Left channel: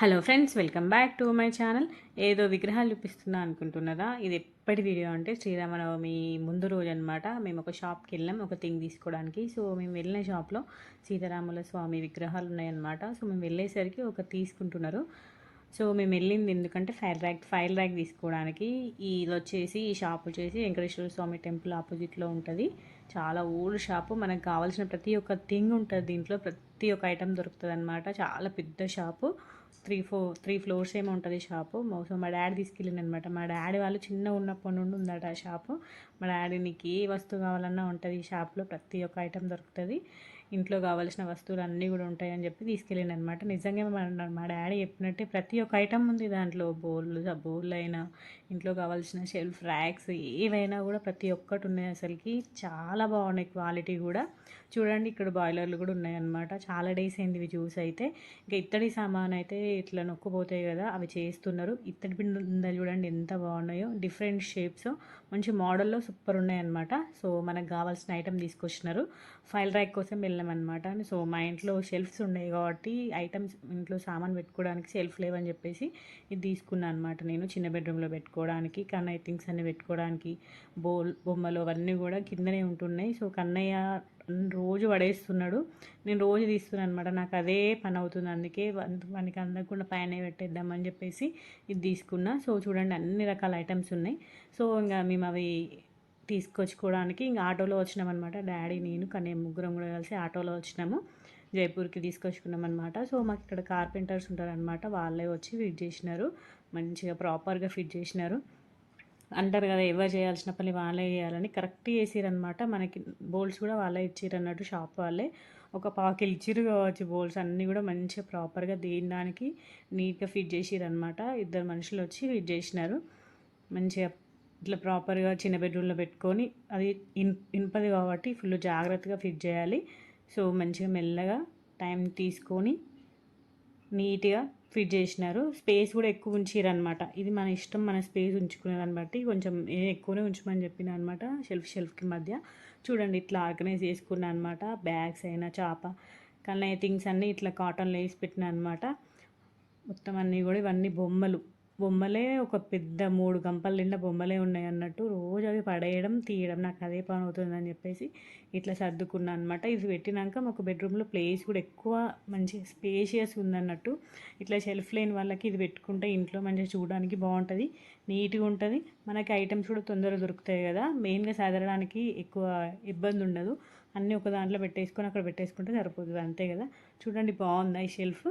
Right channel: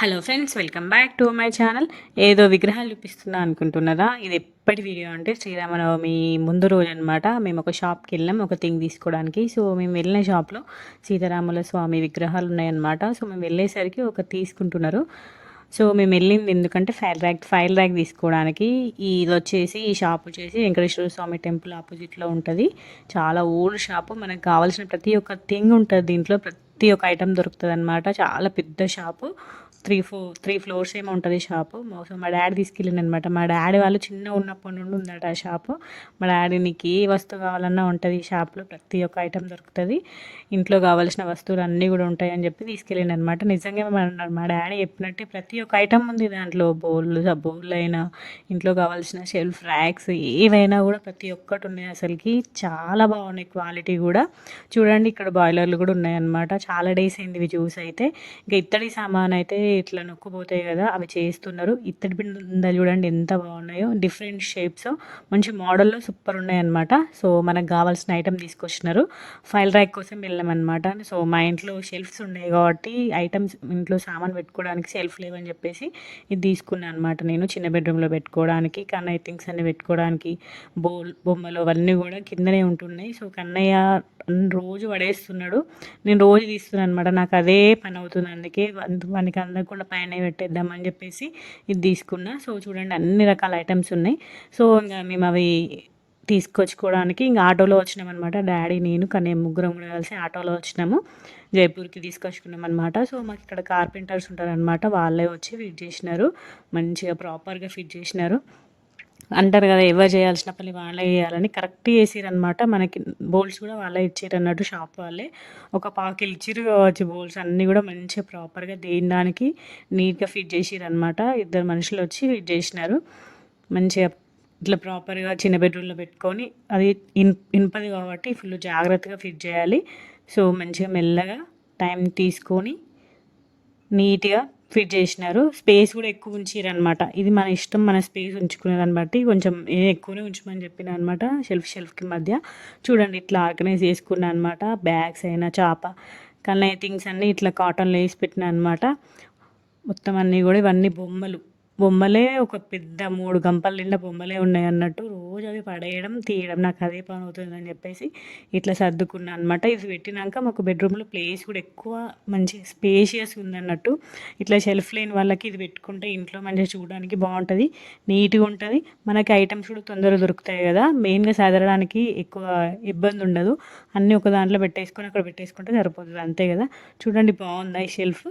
Hello friends, welcome back to my channel. ఏదో విగ్రహాలు చూపిస్తున్నా అనుకుంటున్నారా? ఇది ఎప్పటి వీడియో అంటే శ్రీరామనవమి ముందు రోజు అనమాట. మేము ఒక షాప్కి వెళ్ళాం ఒక థింగ్ తీసుకోవడానికి. సో మేము వెళ్ళిన షాప్లో సీతారాముల స్వామి విగ్రహాలు ఉన్నాయన్నమాట. సో మేము వెళ్ళేసరికి ఒక తీసుకుంటున్నారు. సో మేము వెళ్ళింది ఎందుకంటే ఫైల్ ర్యాక్ తీసుకోవడానికి. ఇది వచ్చేసి ఈ షాప్ వచ్చేసి వెంకటేశ్వర స్వామి టెంపుల్ ఆపోజిట్లో ఉంటుంది. చాలా ఓల్డ్ షాపు. మనకు కావాల్సిన ప్రతి ఒక్క థింగ్ ఉంటుంది దీంట్లో. ప్రతి ఒక్క ఐటెం దొరుకుతుంది అనమాట. చాలా పెద్ద షాపు. త్రీ ఫ్లోర్స్ ఏమో ఉంటుంది షాపు. సో మా డాడీ తీసుకెళ్ళింది అనమాట. మా డాడీ వాళ్ళు చిన్న ఉన్నప్పటి నుండి ఉందట ఆ షాపు. మా డాడీ నీకు ఏ వస్తువు కావాలన్నా ఉంటుంది ఈ షాప్లో. ప్రతి ఒక్క ఐటెం దొరుకుతుంది. ఇంట్లో కావాల్సిన వస్తువులు అన్నీ కూడా ఉంటాయి అని చెప్పి తీసుకెళ్ళింది అనమాట. నిజంగా మా డాడీ చెప్పినట్టు ప్రతి ఒక్క ఐటెం ఉంది దాంట్లో. బౌల్ అయినా, ఇంట్లో కావాల్సిన షెల్ఫ్ ర్యాక్స్ ఏవైనా కూడా ప్రతి ఒక్కటి ఉన్నాయి. అసలుకి చాలా బాగున్నాయి క్వాలిటీ కూడా. చూడండి ఇక్కడ బాయిలర్లు కూడా ఉన్నాయన్నమాట. చాలా డేస్ అయింది ఇవి చూసి అయితే. ఇంకా ఇత్తడి సామాన్ అయితే ఇట్లా నొక్కుపోతాయి కదా, అవి చేస్తున్నారు. ఇత్తడి బిందెలు చూడండి ఎంత బాగున్నాయో. డిఫరెంట్ షేప్స్, మంచి మోడల్లో సూపర్ ఉన్నాయన్నమాట. సో మనకు కావాల్సిన ఐటెం తీసుకొచ్చినారు. ఫైల్ ర్యాక్ కోసం వెళ్ళామన్నమాట. సో మా ఇంట్లో షెల్ఫ్స్ ఉన్నాయి కాబట్టి ఐటమ్స్, ఇంట్లో సామాన్ పెట్టుకోవడానికి షెల్ఫ్ లేవని చెప్పేసి ఇది తీసుకున్నాను అనమాట. నేను చిన్న బెడ్రూమ్లో పెట్టుకోవడానికి, కన్నయ్య థింగ్స్ అన్ని పెట్టుకోవడానికి, బొమ్మలు అవన్నీ కూడా కిందనే ఉంటున్నాయి. సో కన్నయ్య రోజు పడేస్తున్నాడు, నేను రోజు తీస్తున్నాను అనమాట. నాకు అదే పని అవుతుంది. అందుకే మనకి అందకుండా పైన పెట్టేద్దామని చెప్పేసి ఇది తీసుకున్నా. సో చూడండి అన్ని రకాల ఐటమ్స్ ఉన్నాయి. సో ఇంకా మేము అవి తీసుకొచ్చుకోవడానికి ఇంకా ఆటోలో వచ్చినామన్నమాట. డాడీ, నేను, కన్నయ్య ముగ్గురం కూడా కలిసి ఆటోలో వచ్చినాము. జైపూర్కి తీసుకొచ్చుకున్నాం అనమాట. సో మాకు ఇక్కడ కార్పెంటర్స్ ఉంటారనమాట. వాళ్ళే వచ్చి ఫిట్ చేసినారు. మంచిగా ప్రాపర్గా ఫిట్ చేసినారు. అంటారు కదా, ఎవరు చేయాల్సిన పని వాళ్ళే చేయాలని. కరెక్ట్ చేసిరనమాట. మనకి బోల్స్ కూడా వాళ్ళే ఇచ్చారు అన్నట్టు, షాప్ వాళ్ళే. ఒక పావుకిలు ఇచ్చిరు కావచ్చు బోల్స్ అన్నీ కూడా మంచిగా ప్రాపర్గా దేని దానికి నీట్గా ఫిట్ చేసిరనమాట. ఇద్దరు మనుషులు వచ్చి ఫిట్ చేసినారు. మంచిగా ఇట్లా ప్రాపర్గా చిన్న బెడ్రూమ్లో పెట్టుకొని, అది ఇనుపది కాబట్టి ఫుల్ జాగ్రత్తగా ఫిట్ చేయాలి. సో మంచిగా మెల్లగా టైం తీసుకొని నీట్గా ఫిట్ చేసినారు. స్పేస్ కూడా ఎక్కువ ఉంచిరనమాట. ఇది మన ఇష్టం, మన స్పేస్ ఉంచుకునేదాన్ని బట్టి కొంచెం ఎక్కువనే ఉంచమని చెప్పిన అనమాట. షెల్ఫ్కి మధ్య చూడండి ఇట్లా ఆర్గనైజ్ చేసుకున్నా అనమాట. బ్యాగ్స్ అయినా, చాప, కన్నయ్య థింగ్స్ అన్నీ ఇట్లా కాటన్లో వేసి పెట్టిన అనమాట. మొత్తం అన్నీ కూడా ఇవన్నీ బొమ్మలే ఒక పెద్ద 3 గంపల నిండా బొమ్మలే ఉన్నాయి అన్నట్టు. రోజు అవి పడేయడం తీయడం నాకు అదే పని అవుతుందని చెప్పేసి ఇట్లా సర్దుకున్నాను అనమాట. ఇది పెట్టినాక మాకు బెడ్రూమ్లో ప్లేస్ కూడా ఎక్కువ మంచి స్పేషియస్ ఉందన్నట్టు. ఇట్లా షెల్ఫ్ లేని వాళ్ళకి ఇది పెట్టుకుంటే ఇంట్లో మంచిగా చూడడానికి బాగుంటుంది, నీట్గా ఉంటుంది. మనకి ఐటమ్స్ కూడా తొందరగా దొరుకుతాయి కదా, మెయిన్గా సదరడానికి ఎక్కువ ఇబ్బంది ఉండదు. అన్నీ ఒక దాంట్లో పెట్టేసుకొని అక్కడ పెట్టేసుకుంటే సరిపోతుంది, అంతే కదా. చూడండి బాగుందా ఈ షెల్ఫ్.